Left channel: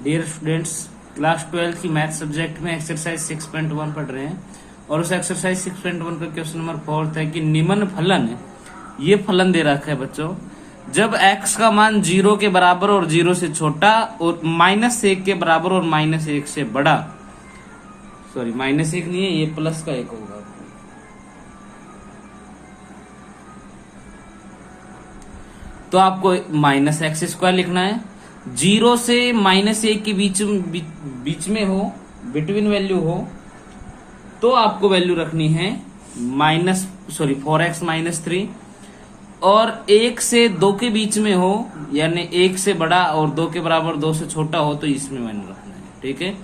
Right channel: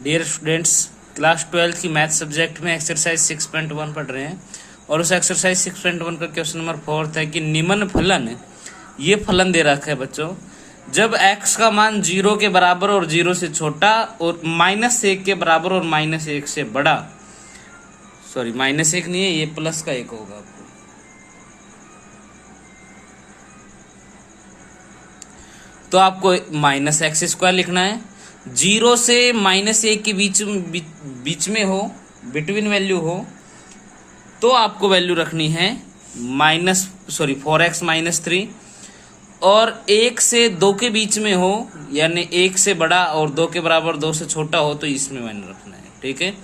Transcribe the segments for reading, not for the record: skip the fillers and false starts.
Dear students, class 12 की math subject में exercise 6.1 पढ़ रहे हैं और उस एक्सरसाइज 6.1 का क्वेश्चन नंबर 4 है कि निम्न फलन, ये फलन दे रखा है बच्चों, जब x का मान 0 के बराबर और 0 से छोटा और -1 के बराबर और -1 से बड़ा, सॉरी -1 नहीं है ये, प्लस का 1 होगा, तो आपको -x² लिखना है। 0 से -1 के बीच में हो, बिटवीन वैल्यू हो, तो आपको वैल्यू रखनी है 4x - 3, और 1 से 2 के बीच में हो, यानी 1 से बड़ा और 2 के बराबर 2 से छोटा हो, तो इसमें वैल्यू रखना है, ठीक है।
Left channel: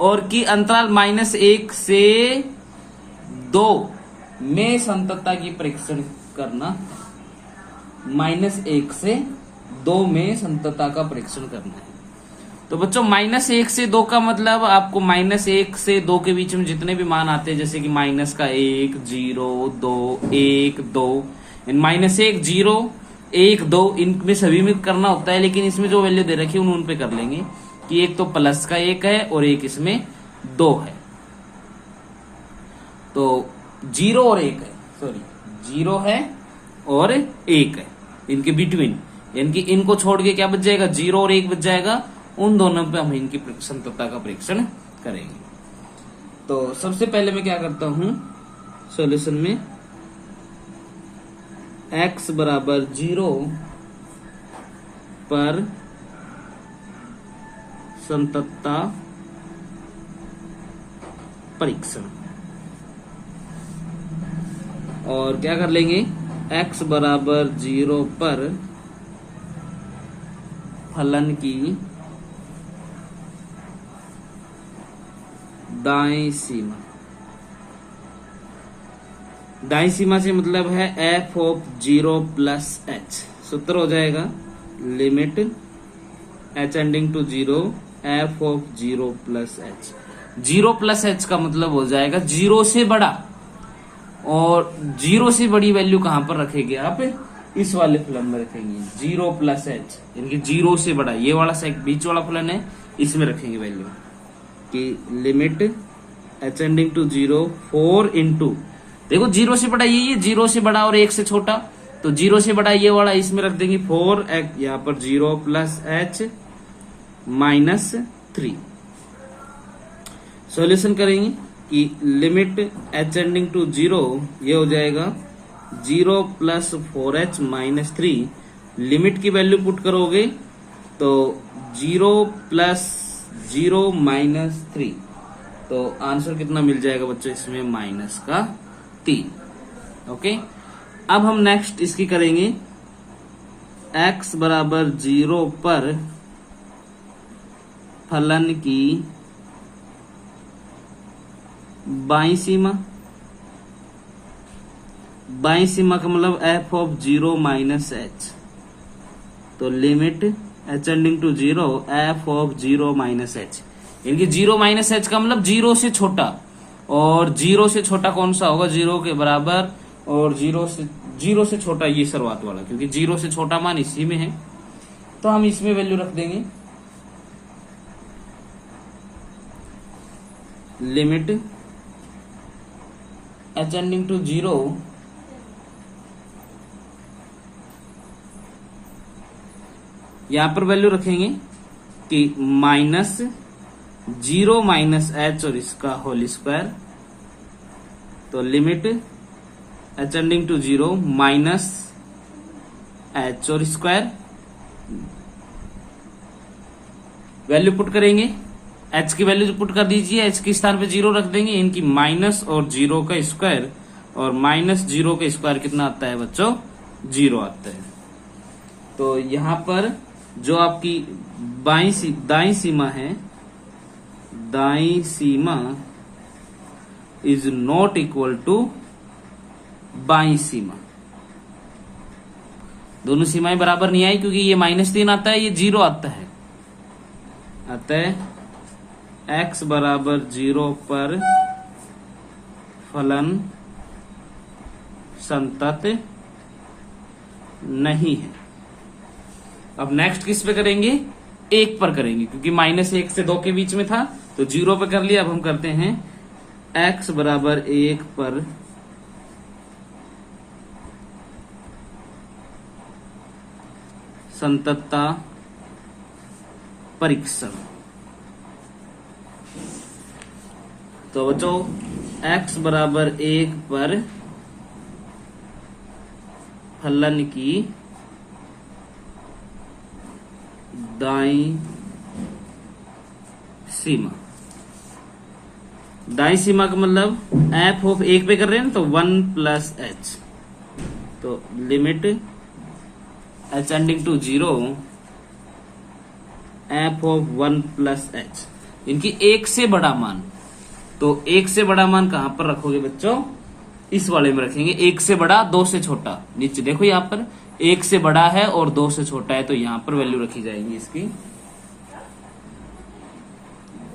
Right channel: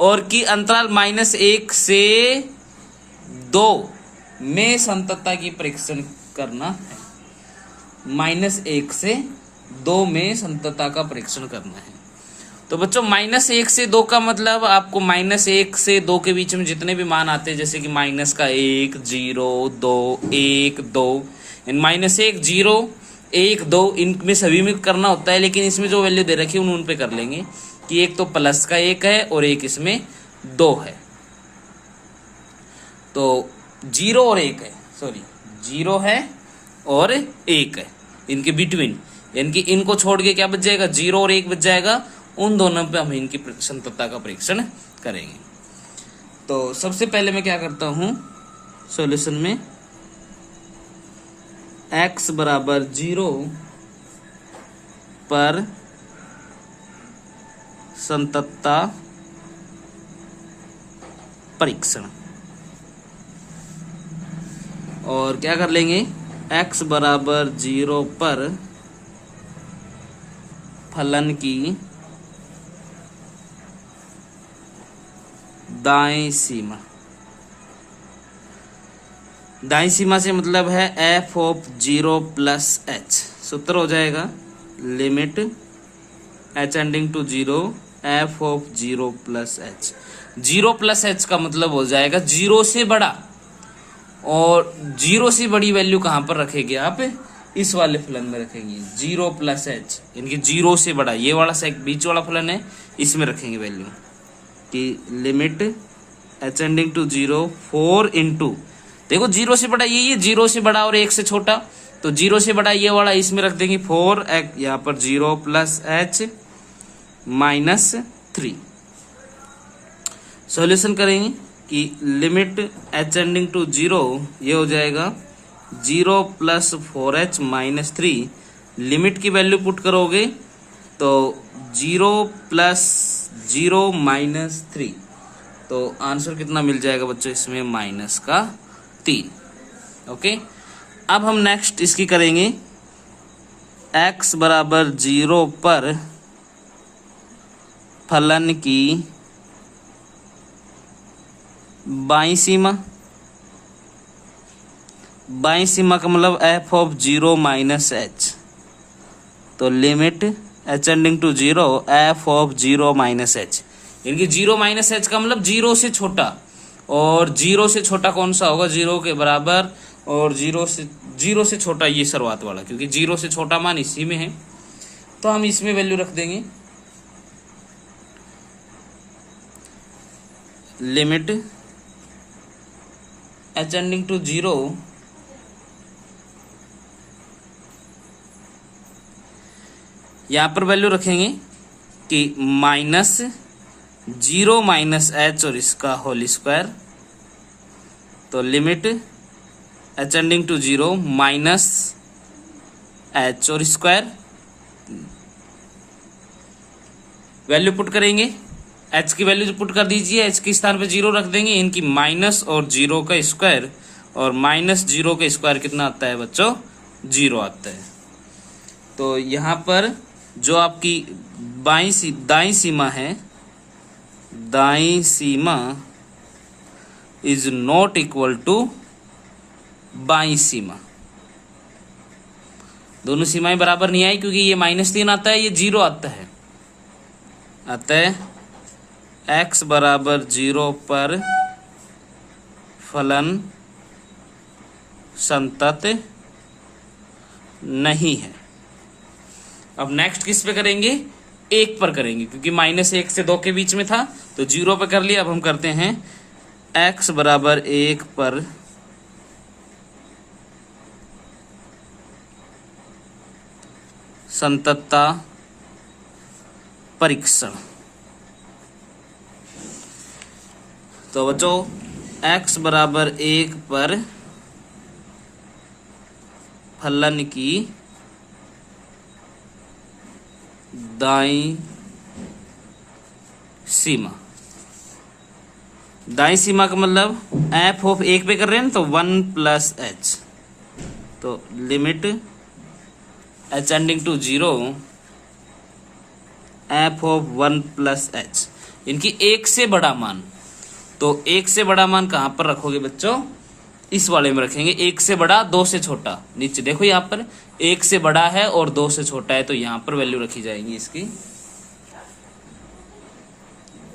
और कि अंतराल -1 से 2 में संततता की परीक्षण करना है। -1 से 2 में संततता का परीक्षण करना है। तो बच्चों -1 से 2 का मतलब आपको -1 से 2 के बीच में जितने भी मान आते हैं, जैसे कि -1, 0, 2, 1, 2, -1, 0, 1, 2, इनमें सभी में करना होता है, लेकिन इसमें जो वैल्यू दे रखी है उन पे कर लेंगे कि एक तो प्लस का 1 है और एक इसमें 2 है। तो 0 और 1 है, 0 है और 1 है, इनके बिटवीन, यानी इनको छोड़ के क्या बच जाएगा, 0 और 1 बच जाएगा। उन दोनों पे हम इनकी संततता का परीक्षण करेंगे। तो सबसे पहले मैं क्या करता हूं सॉल्यूशन में, x बराबर 0 पर संततता परीक्षण, और क्या कर लेंगे, x बराबर 0 पर फलन की दाएं सीमा। दाएं सीमा से मतलब है f(0 + h), सूत्र हो जाएगा limit h tending to 0 f(0 + h). 0 + h का मतलब हो जाएगा 0 से बड़ा, और 0 से बड़ी वैल्यू कहां पर रखेंगे आप, इस वाले फलन में रखेंगे 0 + h, इनकी 0 से बड़ा, ये वाला बीच वाला फलन है, इसमें रखेंगे वैल्यू कि limit h tending to 0 4 into, देखो 0 से बड़ा ये 0 से बड़ा और 1 से छोटा, तो 0 से बड़ा ये वाला इसमें रख देंगे 4, यहाँ पर 0 + h - 3। सॉल्यूशन करेंगे कि लिमिट h टेंडिंग टू 0, ये हो जाएगा 0 + 4h - 3। लिमिट की वैल्यू पुट करोगे तो 0 + 0 - 3, तो आंसर कितना मिल जाएगा बच्चों इसमें, -3। ओके, अब हम नेक्स्ट इसकी करेंगे, x बराबर 0 पर फलन की बाईं सीमा। बाईं सीमा का मतलब f(0 - h), तो limit h tending to 0 f(0 - h), इनकी 0 - h का मतलब 0 से छोटा, और 0 से छोटा कौन सा होगा, 0 के बराबर, और 0 से छोटा ये शुरुआत वाला, क्योंकि 0 से छोटा मान इसी में है, तो हम इसमें वैल्यू रख देंगे लिमिट h टेंडिंग टू 0 यहां पर वैल्यू रखेंगे कि -0 - h और इसका होल स्क्वायर, तो limit h tending to 0 -h और स्क्वायर, वैल्यू पुट करेंगे, h की वैल्यू पुट कर दीजिए, h के स्थान पे 0 रख देंगे, इनकी माइनस और 0 का स्क्वायर, और -0 का स्क्वायर कितना आता है बच्चों, 0 आता है। तो यहां पर जो आपकी दाईं सीमा है, दाईं सीमा इज नॉट इक्वल टू बाईं सीमा। दोनों सीमाएं बराबर नहीं आई, क्योंकि ये -3 आता है, ये 0 आता है। x बराबर 0 पर फलन संतत नहीं है। अब नेक्स्ट किस पे करेंगे, 1 पर करेंगे, क्योंकि -1 से 2 के बीच में था तो 0 पे कर लिया। अब हम करते हैं x बराबर 1 पर संततता परीक्षण। तो बच्चों x बराबर 1 पर फलन की दाईं सीमा, दाईं सीमा का मतलब f ऑफ 1 पे कर रहे हैं तो 1 प्लस h, तो limit h ending to 0 f of 1 plus h, इनकी 1 से बड़ा मान। तो 1 से बड़ा मान कहां पर रखोगे बच्चों? इस वाले में रखेंगे। 1 से बड़ा 2 से छोटा, नीचे देखो यहाँ पर 1 से बड़ा है और 2 से छोटा है, तो यहां पर वैल्यू रखी जाएगी इसकी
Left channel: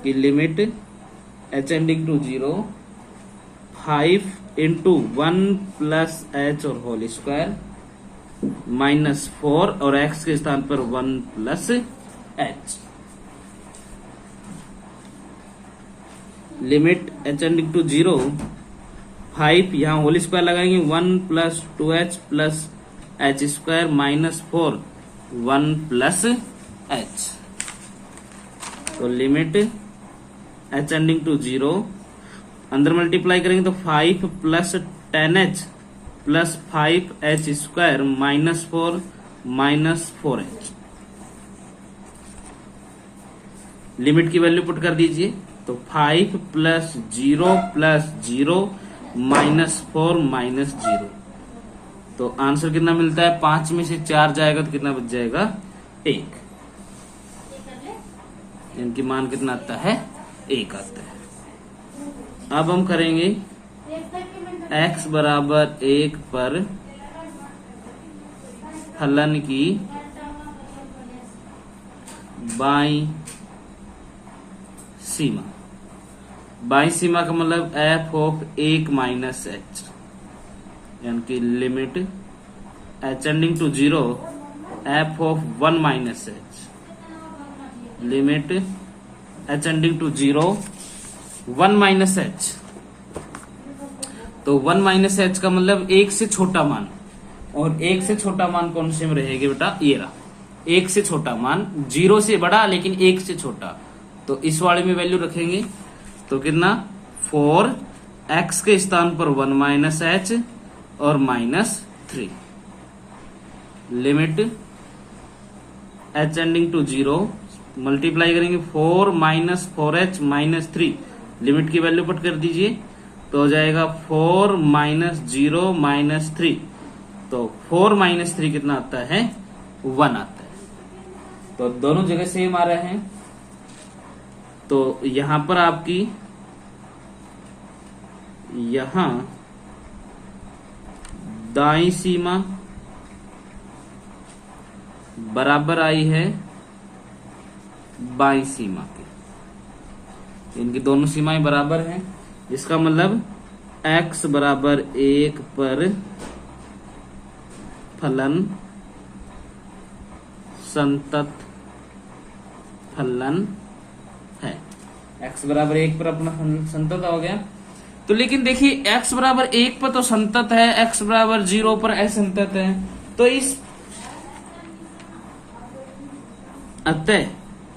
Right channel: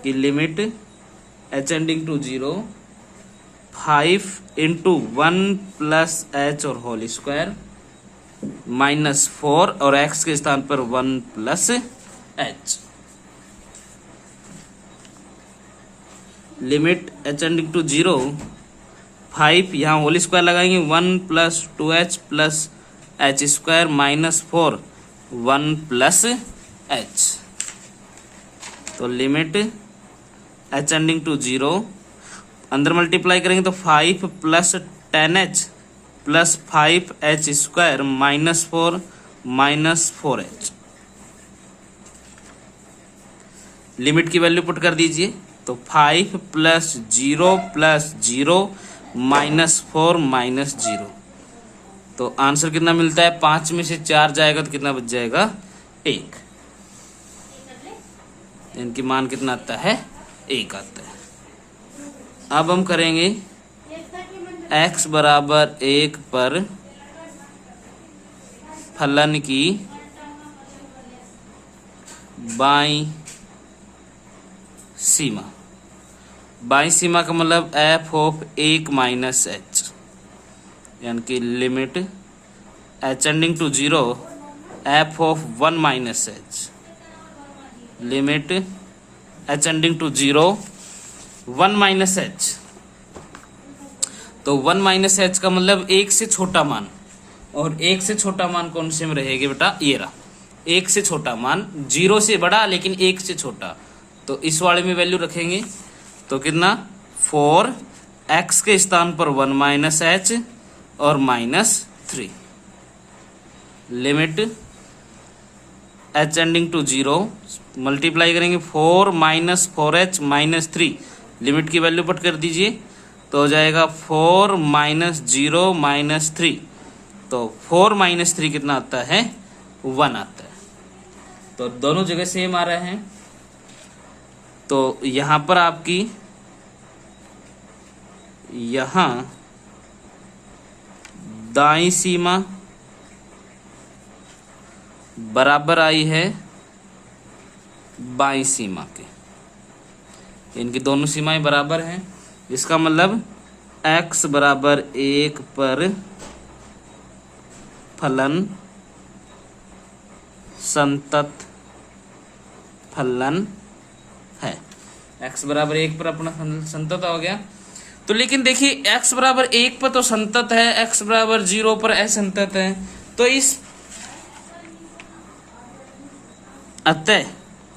कि limit h ending to 0 5 into 1 plus h और होल स्क्वायर -4 और x के स्थान पर 1 plus h। Limit h ending to 0 5, यहाँ होल स्क्वायर लगाएंगे 1 plus 2h plus h square -4 1 plus h। तो लिमिट h एंडिंग टू 0 अंदर मल्टीप्लाई करेंगे तो 5 plus 10h plus 5h square -4 -4h। Limit की वैल्यू पुट कर दीजिए तो 5 प्लस 0 प्लस 0 -4 -0। तो आंसर कितना मिलता है? 5 में से 4 जाएगा तो कितना बच जाएगा? 1। इनकी मान कितना आता है? 1 आता है। अब हम करेंगे x बराबर 1 पर फलन की बाईं सीमा। बाईं सीमा का मतलब f ऑफ 1 माइनस h, यानी कि limit h ending to 0 f of 1 minus h, limit h ending to 0 1 minus h। तो 1 माइनस h का मतलब 1 से छोटा मान, और 1 से छोटा मान कौन से में रहेगी बेटा? ये रहा 1 से छोटा मान, 0 से बड़ा लेकिन 1 से छोटा। तो इस वाले में वैल्यू रखेंगे तो कितना? 4 x के स्थान पर 1 माइनस h और -3। Limit h ending to 0 multiply करेंगे 4 माइनस 4h -3, लिमिट की वैल्यू पुट कर दीजिए तो हो जाएगा 4 माइनस 0 -3। तो 4 -3 कितना आता है? 1 आता है। तो दोनों जगह सेम आ रहे हैं। तो यहां पर आपकी यहां दाईं सीमा बराबर आई है बाईं सीमा के, इनकी दोनों सीमाएं बराबर हैं, जिसका मतलब x बराबर 1 पर फलन संतत फलन है। x बराबर 1 पर अपना संतत हो गया। तो लेकिन देखिए x बराबर 1 पर तो संतत है, x बराबर 0 पर असंतत है। तो इस अतः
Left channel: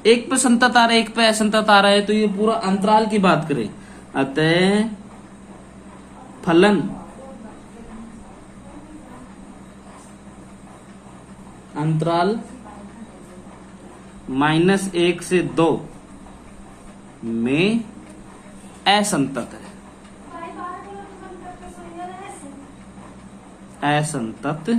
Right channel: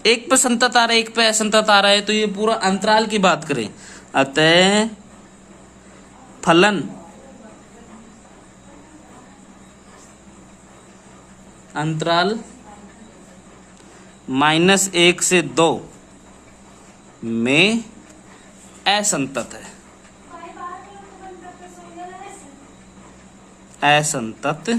1 पर संतत आ रहा है 1 पर असंतत आ रहा है, तो ये पूरा अंतराल की बात करें, अतः फलन अंतराल -1 से 2 में असंतत है, असंतत